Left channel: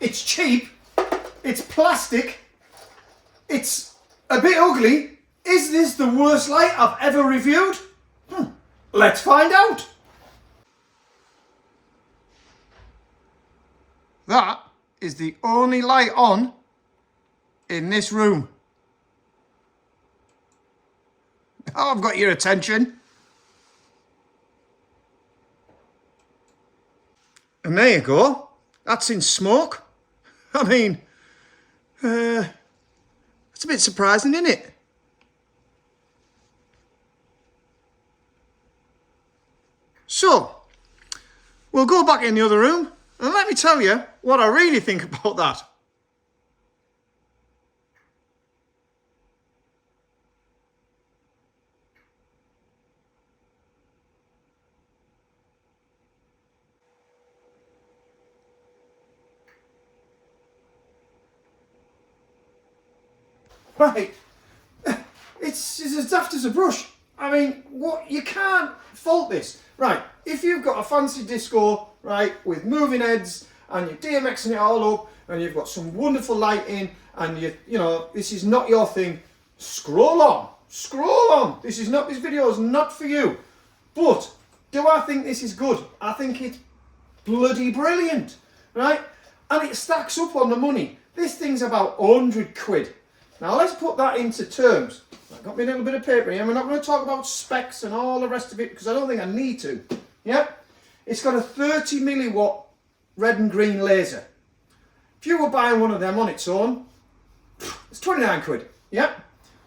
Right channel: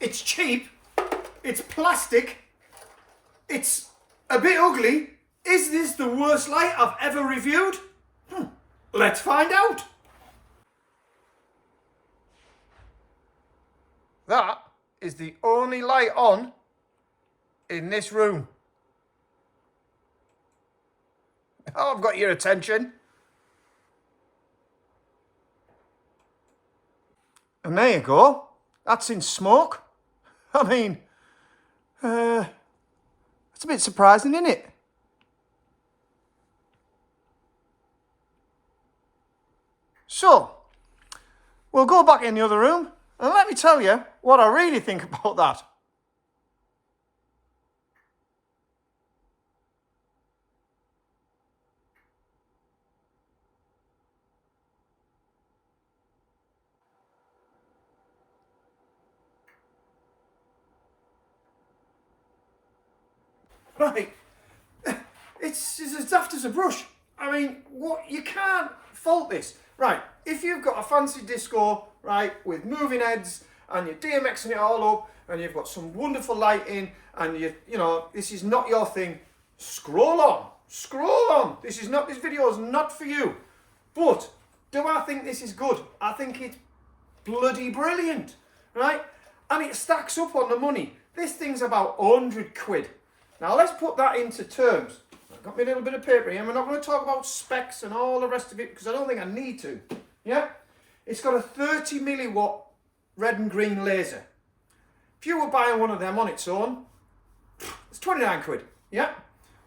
it's cheap, it's plastic, it's a bit ugly. Is this the worst light I've ever reviewed? Let's find out. That is the only light on in this room. Oh, I've got your attention. And there you go. That's in smoke. I mean, it's a bit surprising, isn't it? So, we'll go back in the other room and let me tell you what I really think about that. Right, it's as daft as a brush. I mean, what, you can't fault this. Right, if you've got a fancy disco, right, with moving heads and you're DMXing it all up and you've got some wonderful lighting and you know, this is not your thing, scroll on. This video is not for you. But do I think this is good? I think it's bloody brilliant, right? And it stacks up on the money. This thing's about 100 quid. Now let's put that into terms. I've got me a little bit of paper here. We're not going to talk about specs and all the rest of it because I don't think I need to. Yeah? It's got a 30 milliwatt red and green laser. If you were buying one of them on its own, it's 29 quid. Yeah?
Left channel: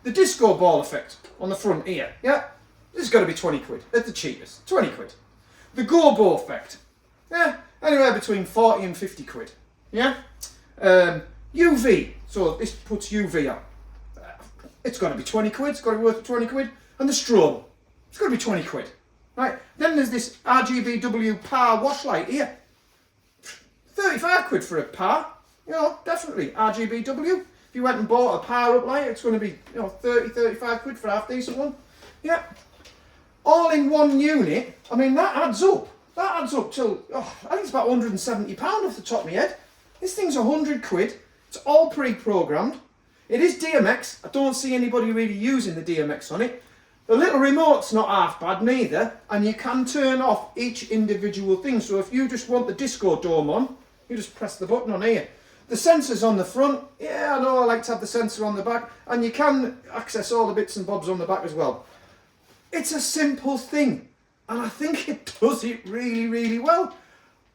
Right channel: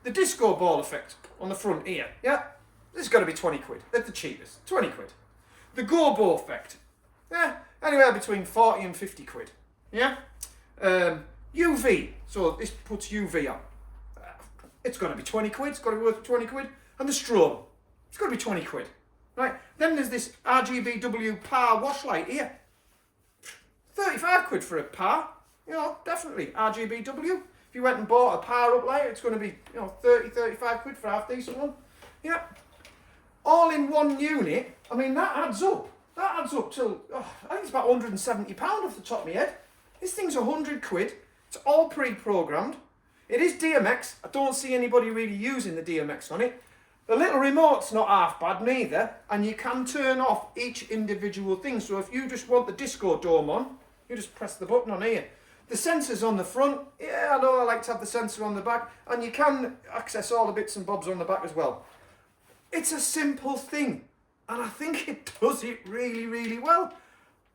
The disco ball effect on the front here. Yeah? This has got to be 20 quid. At the cheapest. 20 quid. The GOBO effect. Yeah? Anywhere between 40 and 50 quid. Yeah? UV. So this puts UV on. It's got to be 20 quid. It's got to be worth 20 quid. And the strobe. It's got to be 20 quid. Right. Then there's this RGBW power wash light here. 35 quid for a power. You know, definitely. RGBW. If you went and bought a power up light, it's going to be, you know, 30, 35 quid for a half decent one. Yeah. All in one unit. I mean, that adds up. That adds up to, I think it's about £170 off the top of my head. This thing's 100 quid. It's all pre-programmed. It is DMX. I don't see anybody really using the DMX on it. The little remote's not half bad neither, and you can turn off each individual thing. So if you just want the disco dome on, you just press the button on here. The sensor's on the front. Yeah, I know I like to have the sensor on the back, and you can access all the bits and bobs on the back as well. It's a simple thing, and I think it does it really, really well.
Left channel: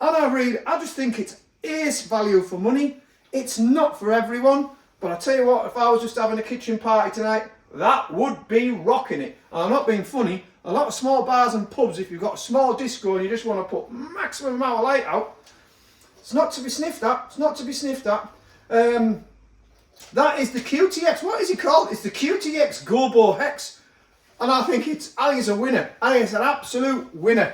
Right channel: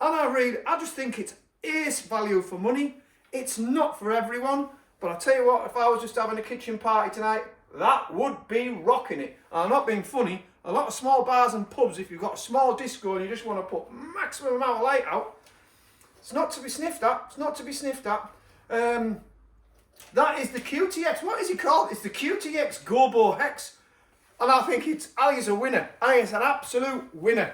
And I just think it's ace value for money. It's not for everyone, but I tell you what, if I was just having a kitchen party tonight, that would be rocking it. And I'm not being funny. A lot of small bars and pubs, if you've got a small disco and you just want to put maximum amount of light out, it's not to be sniffed at. It's not to be sniffed at. That is the QTX. What is it called? It's the QTX GOBO Hex. And I think it's a winner. I think it's an absolute winner.